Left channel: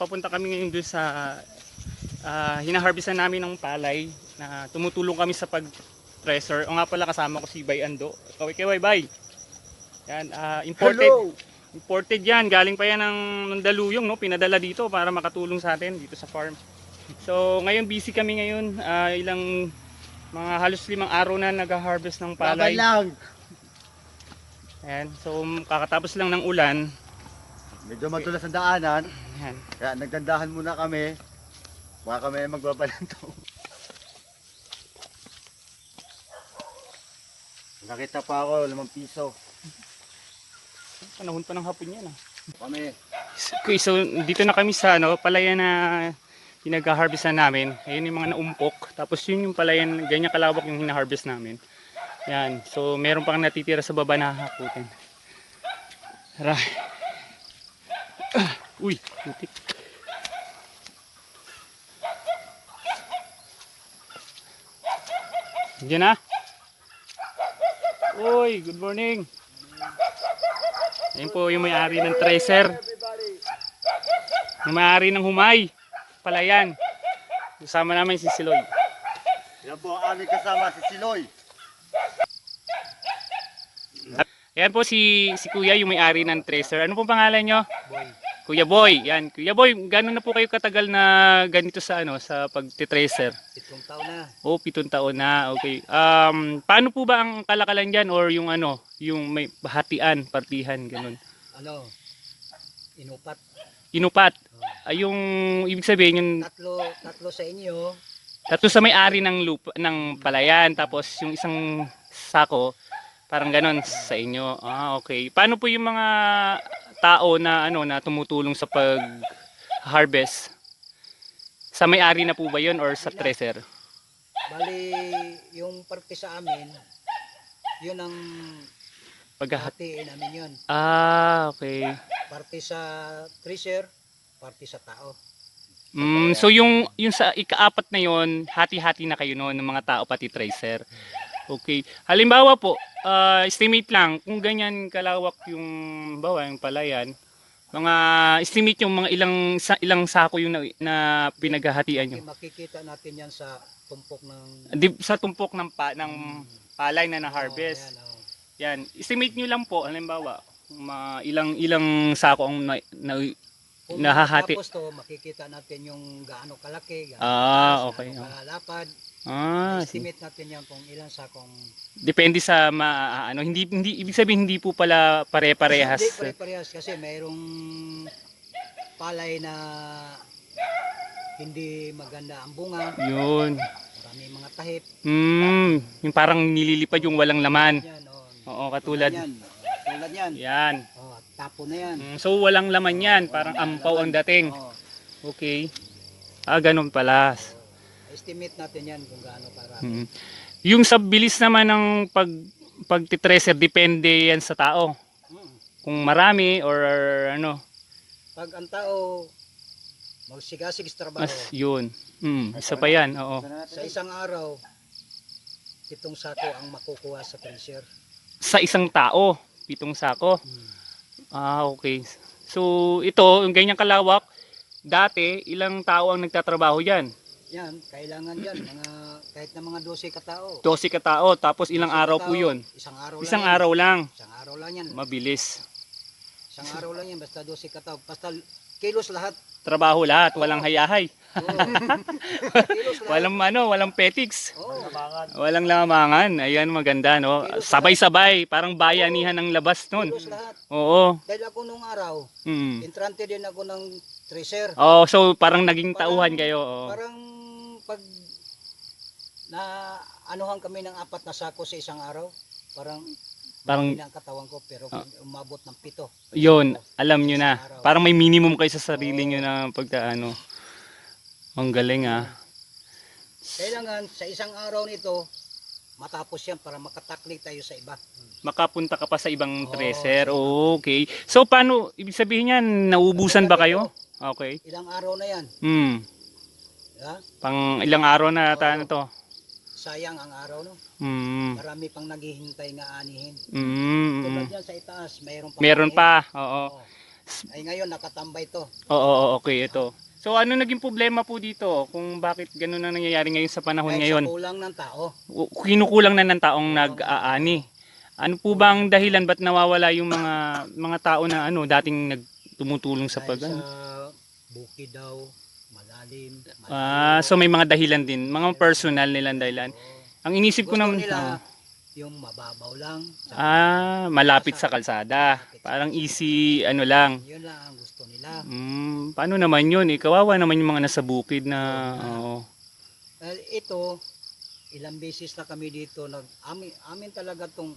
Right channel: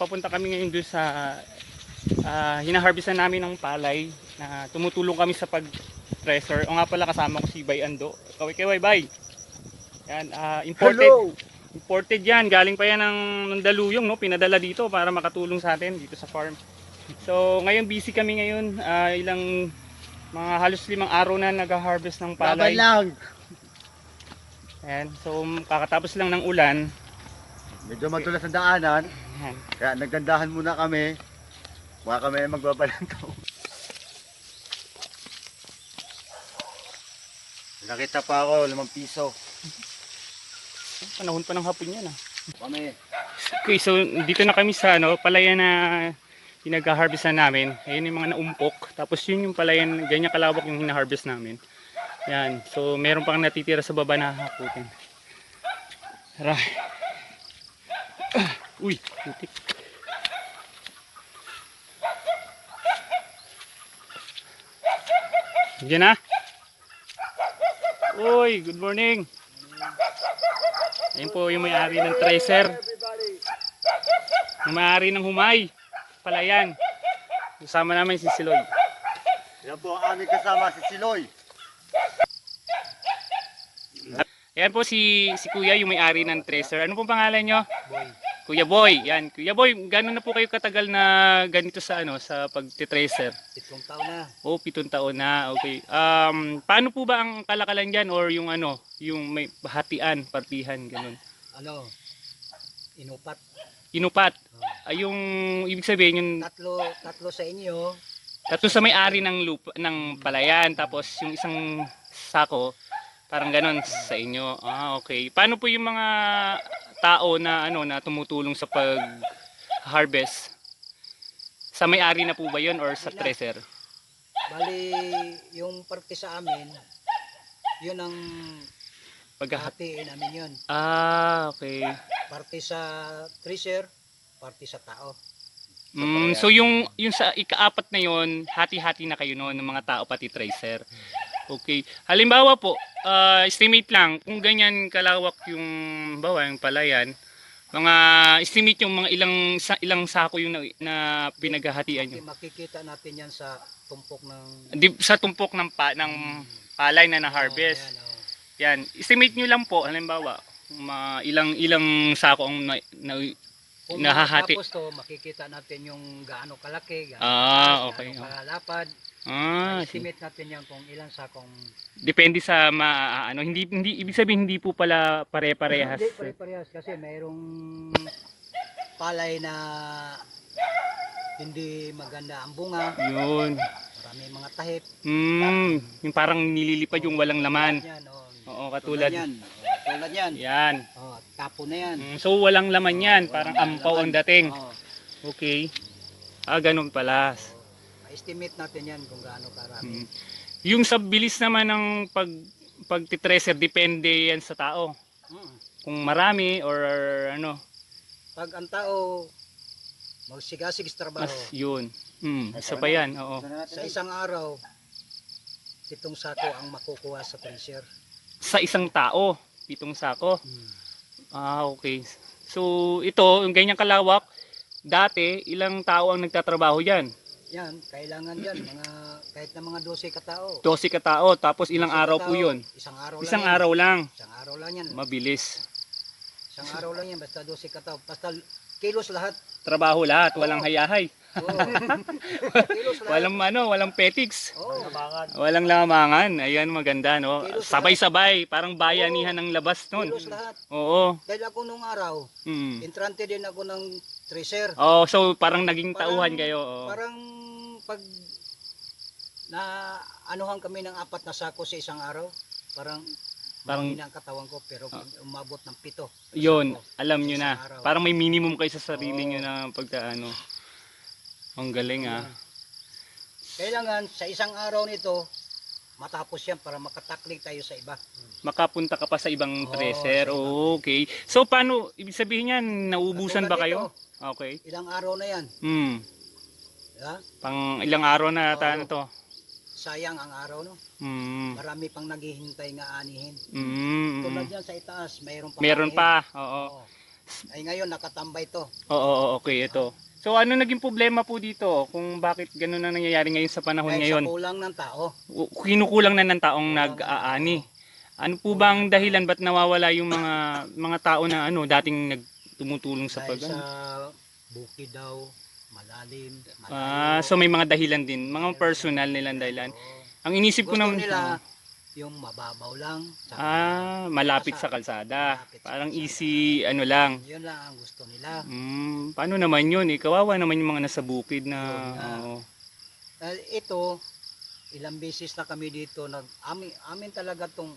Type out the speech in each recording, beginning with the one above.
Papunta kami ngayon doon sa ah, hinaharvestan namin ng palay na tumutulong kami sa pag-treasure. O nga pala kasama ko si Bay Ando. Ikaw, ikaw, Bay. Yan, ah, imported. Imported yan. Galing pa yan ng Mandaluyong, no? Pinadala dito para makatulong sa atin dito sa farm. So, ngayon busy kami ngayon. Ah, ilang mga halos limang araw na nag-harvest ng palay. Laban lang. Ayan. So, kakatapos lang ng ulan. Medyo madulas ang daanan. Ayan. Kaya naggandahan muna kami. Baka kami ay magbabalantaw. Nakita pa ako, limang piso. Panahon pa ng hapon yan ah. Kami. Okay, so dito na kami sa ano, palayan na pinag-harvestan namin. Ayun yung mga naumpok. Tapos yun yung palayan, ganyan kalawak yung hina-harvest namin. Yan. So meron pang natitira sa baba na hakutin. Tara. Ah, uy, putik. Diyan na. Uy, good morning. Yan po yung may-ari ng tracer. Yung may-ari ng humay. Palayan. Kasama namin si Siloy. Yan po ang aming kasama si Siloy. Yan po si, si Kuya, yung may-ari ng tracer. Ano pong pangalan nyo? Kuya Boy. Yan. Kuya Boy, gano'n na po kayo katagal na ganito sa ano sa pagtitracer? Pitong taon na. Oh, pitong taon na. Okay. Um, paano po ba ang kalakalan diyan or yung ano, yung may hatian, partihan, ganun? ano, inupat. Inupat. Ay yung ibig sabihin yung Tatlo, tatlo sa inyo, tatlo sa may-ari ng lupa ng palayan tapos yung isang sako parang ganon sa inyo. Ah, okay. Paano po yung mga tao na ano na tumutulong sa pag harvest? Sa may-ari na po ba 'yon or sa treasure? bali yung parte sa amin, yun ang hatiin namin yun. Ah, okay. Parte sa treasure, parte sa tao. Mm, so yung yung sa ikaapat na yon, hati-hati na kayo noon ng mga tao pati tracer. Okay. Halimbawa po, ah, estimate lang kung ganyan kalawak yung bawa yung palayan, mga estimate yung mga ilang sa, ilang sako yung na, na pinaghahatian nyo. Makikita natin yan sa tumpok ng Di, sa tumpok ng pa, ng palay na na-harvest. Oh, yan, oh. Yan. Estimate nyo lang po, halimbawa, mga ilang ilang sako ang na, na, Kung Nahahati. matapos to, makikita natin yung gaano kalaki, gaano Ah, okay. gaano kalalapad. ah. Estimate natin yan kung ilang sakong Depende sa ma, ano, hindi hindi ibig sabihin hindi po pala pare-parehas. Hindi pare-parehas kasi mayroong palay na hindi maganda ang bunga, Yun. marami mga tahip. Hmm, yung parang nililipad yung walang laman. Yan, oh. Oo, katulad. Yan. Tulad yan. Yan. Oh, tapo na yan. Mm, So walang laman yan, parang ampaw ang dating. Oh, Okay. Ah, ganun pala. estimate natin yan kung gaano karami. Mm. Yung sa bilis naman ng pag pagtitreser depende yan sa tao. Mm. Kung marami or ano, Pag ang tao magsigasig sa trabaho, mas yun. Mm, isa pa yan, oo. sa isang araw, itong sako ang makukuha sa treasure. Sa isang tao, pitong sako. Mm. Ah, okay. So, ito, yung ganyang kalawak, dati, ilang tao ang nagtatrabaho dyan? Yan, kailangan yan, mga, kahit na mga 12 katao. 12 katao, tapos ilang 12 araw po katao, yun? Isang araw Isang lang yan. araw lang. Isang araw lang yan. Mabilis. Isang araw lang yan, basta 12 katao. Basta kilos lahat. Trabaho lahat, walang hayahay. Walang ano, walang petiks. Walang lamangan. Ayan, maganda, no? Sabay-sabay, parang bayanihan ng labas nun. Oo. Dahil ako nung araw, Mm. entrante din ako ng tracer. Oh, so parang naging tauhan Parang- kayo. oo. Parang pag na anuhan kami ng apat na sako sa isang araw, parang Parang- ang katawan ko pero umabot ng pito. Yun, alam nyo na. Araw. Parang may minimum kayo sa sarili Oo. nyo na pagkaano. Ang galing ah. Kailangan sa isang araw nito matapos yan para makataklik tayo sa iba. Makapunta ka pa sa ibang Oo, sa iba. Okay. So paano, ibig sabihin yan, naubusan ba kayo? Ito, Okay. Ilang araw na yan. Hmm. Ha? Pang ilang araw na Oo. tayo to. Sayang ang araw no. Hmm. Marami pang naghihintay nga anihin. Mm, Tulad mm. yan sa itaas, mayroon pa. Meron anihin. pa. Oo. Oo. Ay ngayon nakatambay to. Oo, oo, okay, ito. So ano naging problema po dito kung bakit ganun na nangyayari ngayon sa panahon Dahil ngayon? sa kulang ng tao. Kinukulang na ng taong nag-aani. Ano po ba ang dahilan ba't nawawala yung mga mga tao na ano dating nagtumutulong sa Dahil pag sa bukid daw, malalim, malayo. Ah, so may mga dahilan din, mga personal nilang dahilan. Ang inisip ko naman nila yung mababaw lang. Saka ah, malapit sa kalsada. Parang easy ano lang. Yun lang ang gusto nila. Mm, paano naman yun? Eh, kawawa naman yung mga nasa bukid na oo. Eh, ito, ilang beses na kami dito, nag, amin, amin talaga tong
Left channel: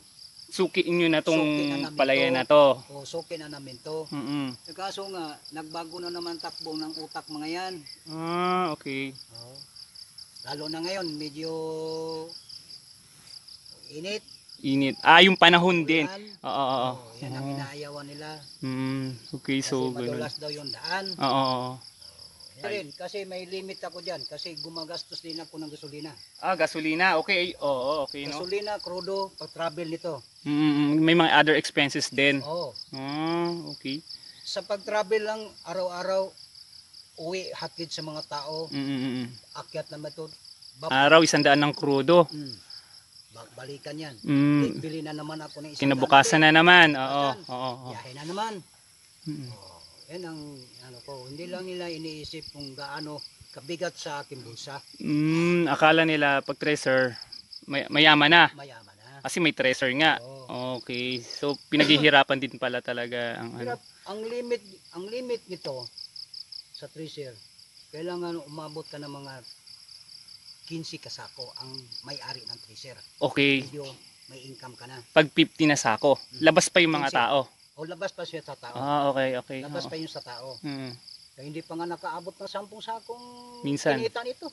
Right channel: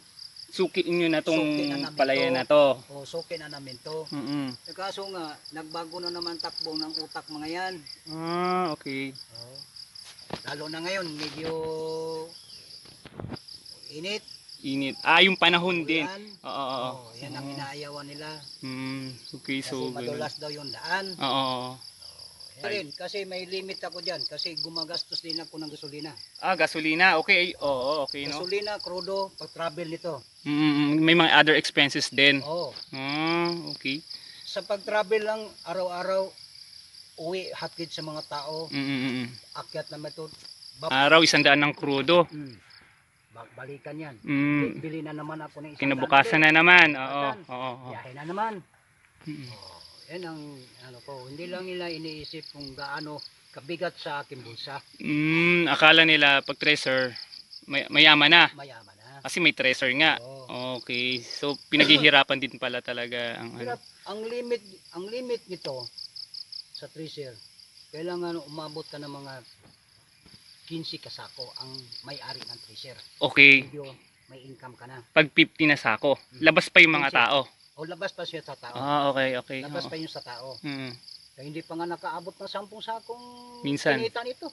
sukiin nyo na tong Suki na namin palaya to. na to. usukin na namin to. Mm-mm. Eh, Kaso nga, nagbago na naman takbo ng utak mga yan. Ah, okay. Oo. Lalo na ngayon, medyo init. Init. Ah, yung panahon din. Ulan. Oo, oo, oo. Oo, yan ang inaayawan nila. Mm, okay, Kasi so madulas daw yung daan. Oo, oo, oo. Yan rin, kasi may limit ako dyan. Kasi gumagastos din ako ng gasolina. Ah, gasolina. Okay, oo, okay, no? Gasolina, krudo, pag-travel nito. Mm, may mga other expenses din. Oo. Ah, okay. Sa pag-travel lang, araw-araw, uwi, hatid sa mga tao, Mm, mm, mm. akyat na bab- Araw, isang daan ng krudo. mm, balikan yan. Mm, Bili na naman ako ng isang kinabukasan na naman. Oo, oo, oo. Biyahe na naman. Mm. Oh, yan ang ano ko, hindi lang nila iniisip kung gaano kabigat sa akin bulsa. Mm, akala nila pag treasure, may, mayaman na. Mayaman na. Kasi may treasure nga. Oo. Okay. So, pinaghihirapan din pala talaga ang ano. Hirap, ang limit, ang limit nito sa treasure, kailangan umabot ka ng mga 15 kasako ang may-ari ng treasure. Okay. Medyo may income ka na. Pag 50 na sako, labas pa yung mga Minsan. tao. O labas pa siya sa tao. Ah, okay, okay. labas oo. pa yun sa tao. Mm. Kaya hindi pa nga nakaabot ng 10 sakong Minsan. kinita nito.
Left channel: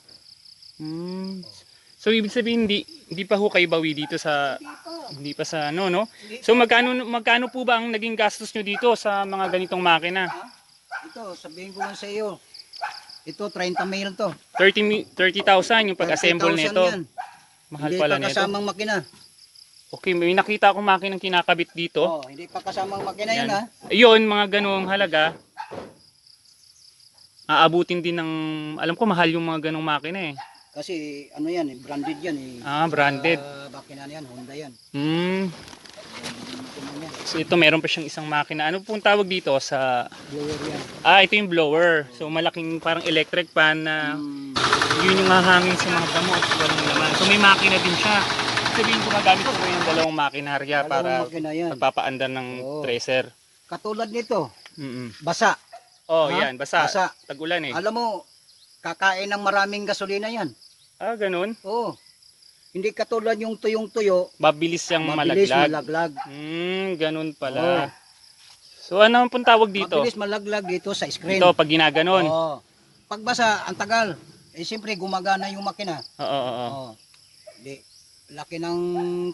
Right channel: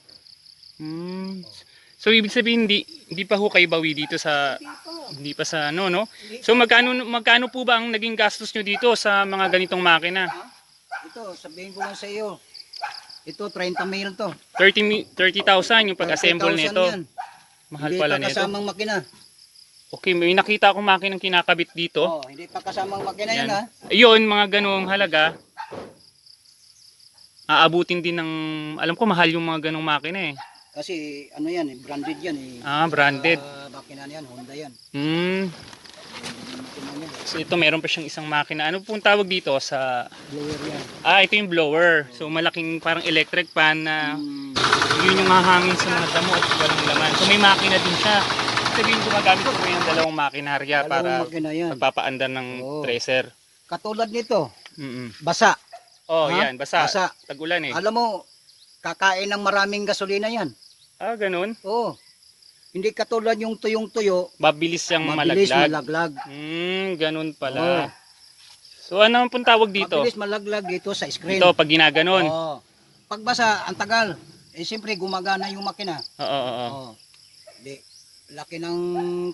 Mm. So, ibig sabihin, hindi, hindi pa ho kayo bawi dito sa, Hindi pa. hindi pa sa ano, no? So, magkano, magkano po ba ang naging gastos nyo dito sa mga ganitong makina? Ito, sabihin ko lang sa iyo. Ito, 30 mil to. 30 mi- 30,000 yung pag-assemble 30,000 nito. Mahal Hindi pala pa nito. kasamang makina. Okay, may nakita akong makinang kinakabit dito. Oh, hindi pa kasamang makina yan, Yan. ha. Yun, mga ganong halaga. Aabutin din ng, alam ko mahal yung mga ganong makina eh. Kasi ano yan, eh, branded yan eh. Ah, branded. Ah, makina yan, Honda yan. Hmm. So ito meron pa siyang isang makina. Ano pong tawag dito sa Blower yan. Ah, ito yung blower. So malaking parang electric fan na Hmm, yun yung hahangin sa mga damo at walang laman. So may makina din siya. Sabihin gumagamit ko yung dalawang makinarya para makina yan. pagpapaandar ng Oo. tracer. Katulad nito, Mm basa. Oh, Ha? yan, basa. Basa. Tagulan eh. Alam mo, kakain ng maraming gasolina yan. Ah, ganun. Oo. Hindi katulad yung tuyong-tuyo, Mabilis siyang mabilis malaglag. malaglag. Hmm, ganun pala. So ano pong tawag dito? Mabilis malaglag dito sa screen. Ito, pag ginaganon. Oo. Pagbasa, ang tagal. Eh, siyempre, gumagana yung makina. Oo, oo, oo. Oo. Di, laki ng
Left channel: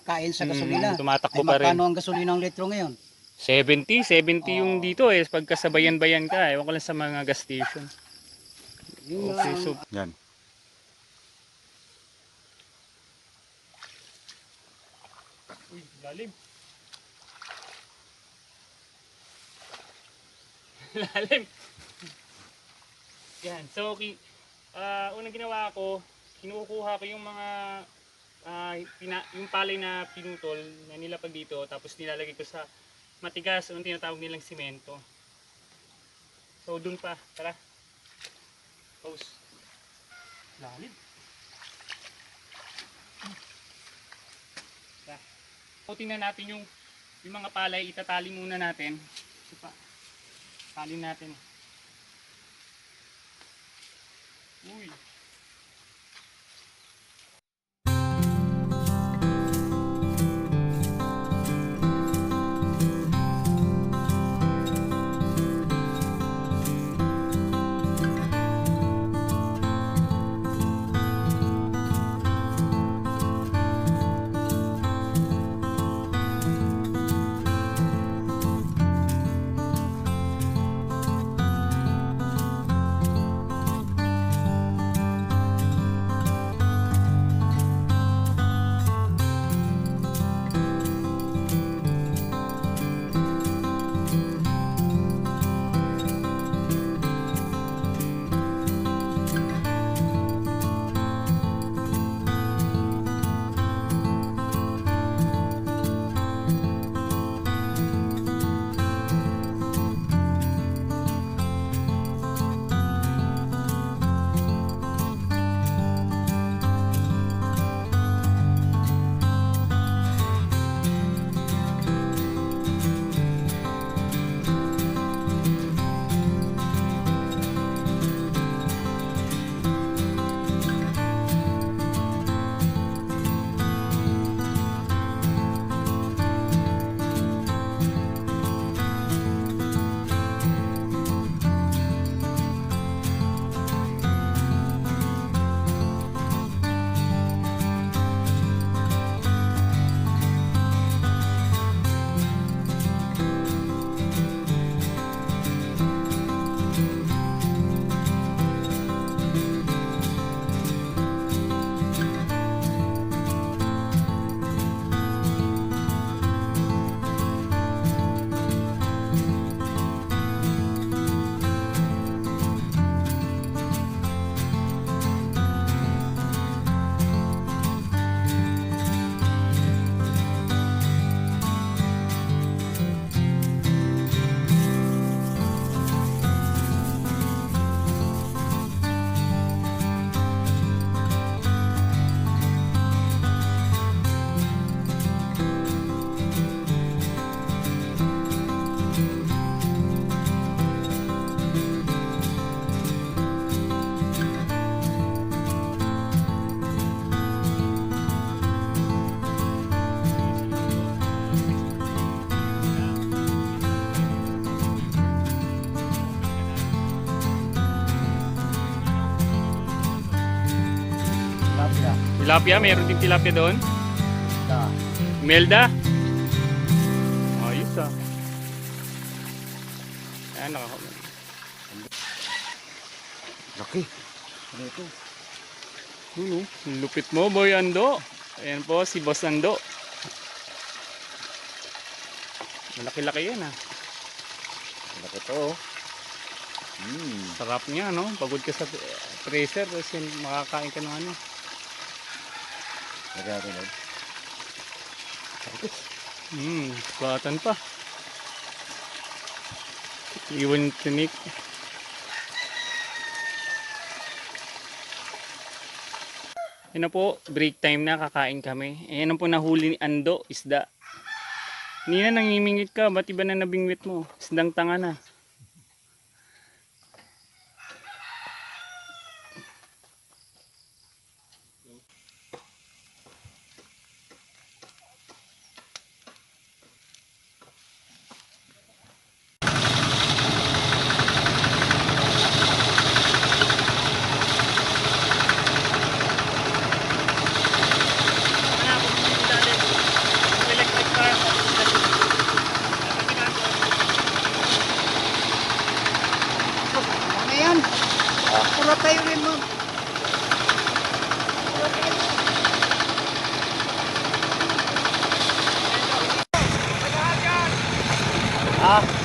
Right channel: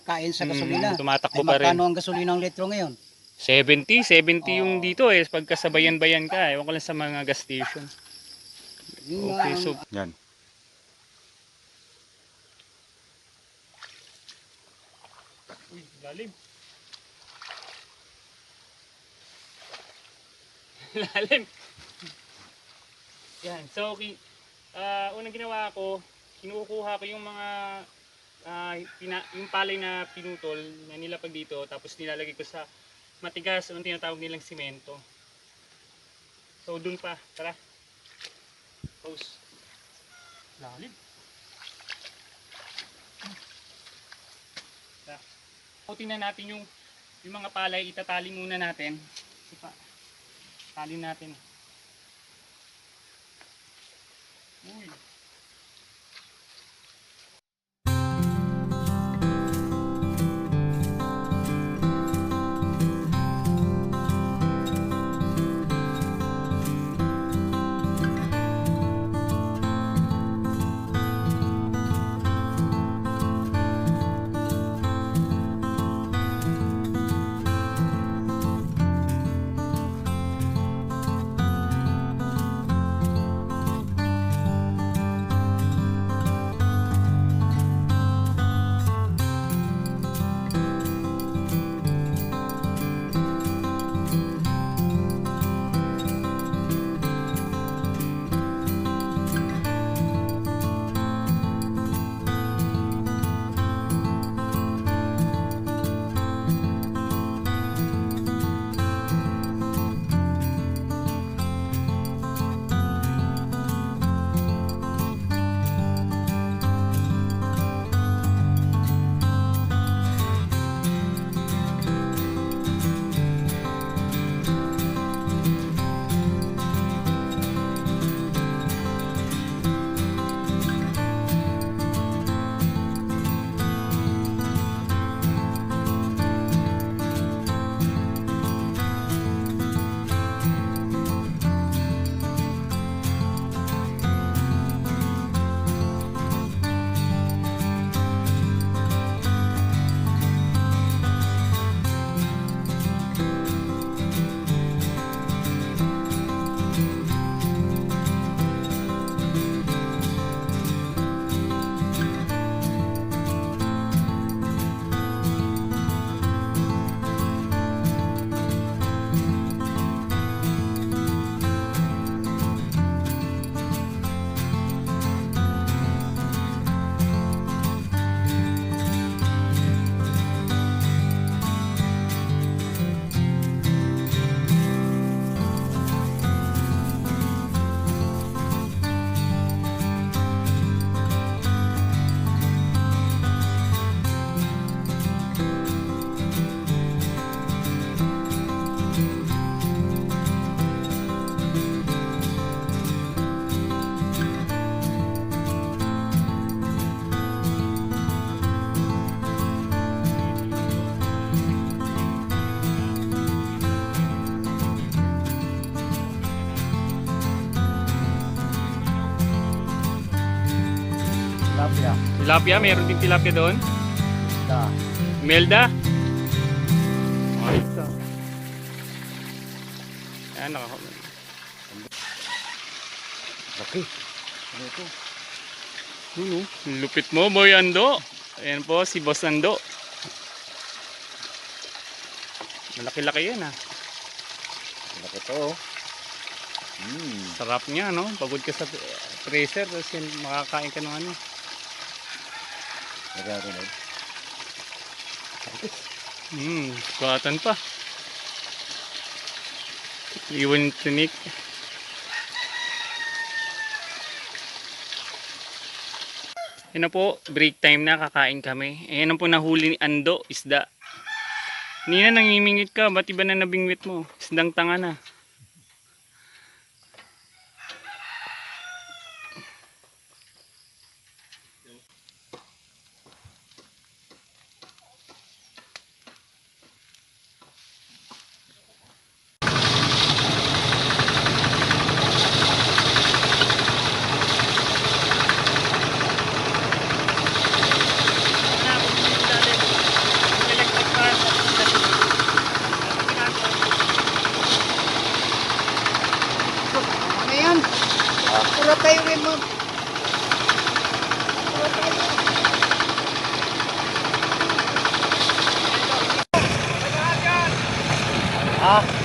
kain sa Hmm, gasolina. tumatakbo Ay, pa rin. magkano ang gasolina ng litro ngayon? 70, 70 yung Oo. dito eh. Pagkasabayan-bayan ka, ewan ko lang sa mga gas station. Yun Okay, ang- so Yan. Uy, lalim. lalim. Yan, so ki ah, unang ginawa ko, kinukuha ko yung mga ah, pina, yung palay na pinutol na nilapag dito tapos nilalagay ko sa matigas o tinatawag nilang simento. So dun pa, tara. Pause. Lalim. So, tingnan natin yung yung mga palay, itatali muna natin. Ito pa. Tali natin. Tilapia, meron din tilapia doon. Da. Melda. Ayos ah. Ayan, naka... Laki. Ano ito? Ano? Lupit mo, Boy Ando. Ayan po, si Boss Ando. Malaki-laki yan ah. Laki to. oh. Hmm. Sarap niya, no? Pagod ka sa tracer, tapos makakain ka ng ano. Lord. Hmm, batan pa. Iwan yung tinik. Yan na po, break time na, kakain kami. Ayan po nahuli ni Ando, isda. Nina, nangimingit ka, ba't iba na nabingwit mo? Isdang tanga na. Tama na, kung hindi ilalim. Kung electric fan. Ano yan? Wala tayo rin mo. Ah. So, ah,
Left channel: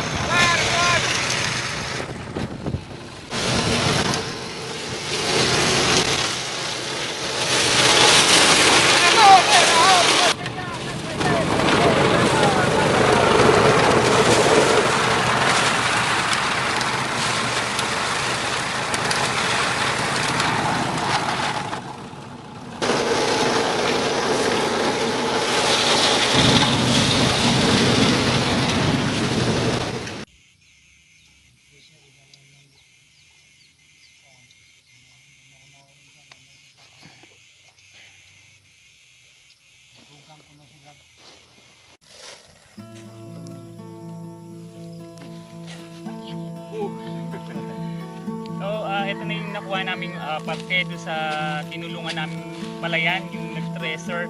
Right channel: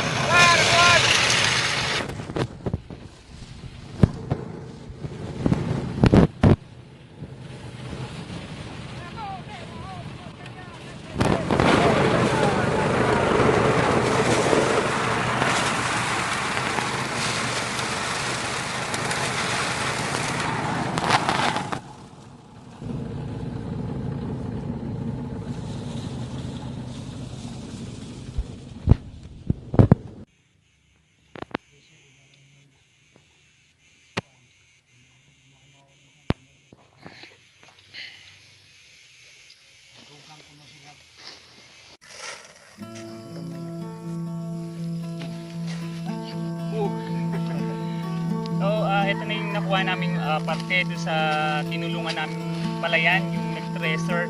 ito na yung nakuha naming ah, parte doon sa tinulungan namin palayan, yung nag-treasure.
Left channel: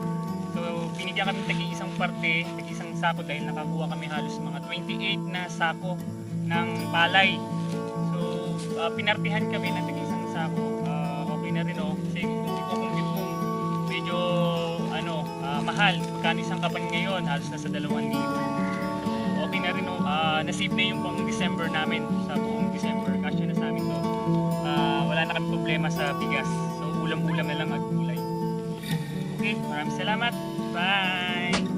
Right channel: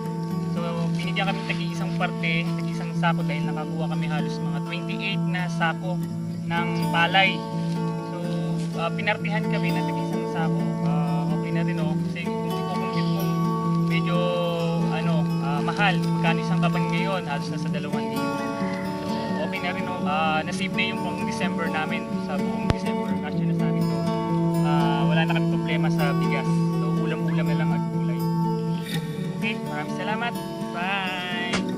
So, binigyan kami tagi-isang parte, tagi-isang sako dahil nakakuha kami halos mga 28 na sako ng palay. So, ah, pinartihan kami ng tagi-isang sako. Ah, okay na rin oh, kasi kung i-compute mo, medyo ano, ah, mahal. Magkano isang kaban ngayon? Halos nasa 2,000. Okay na rin oh. Ah, nasave na yung pang December namin sa buong December. Kasya na sa amin to. Ah, wala na kami problema sa bigas. So, ulam-ulam na lang at gulay. Okay, maraming salamat. Bye!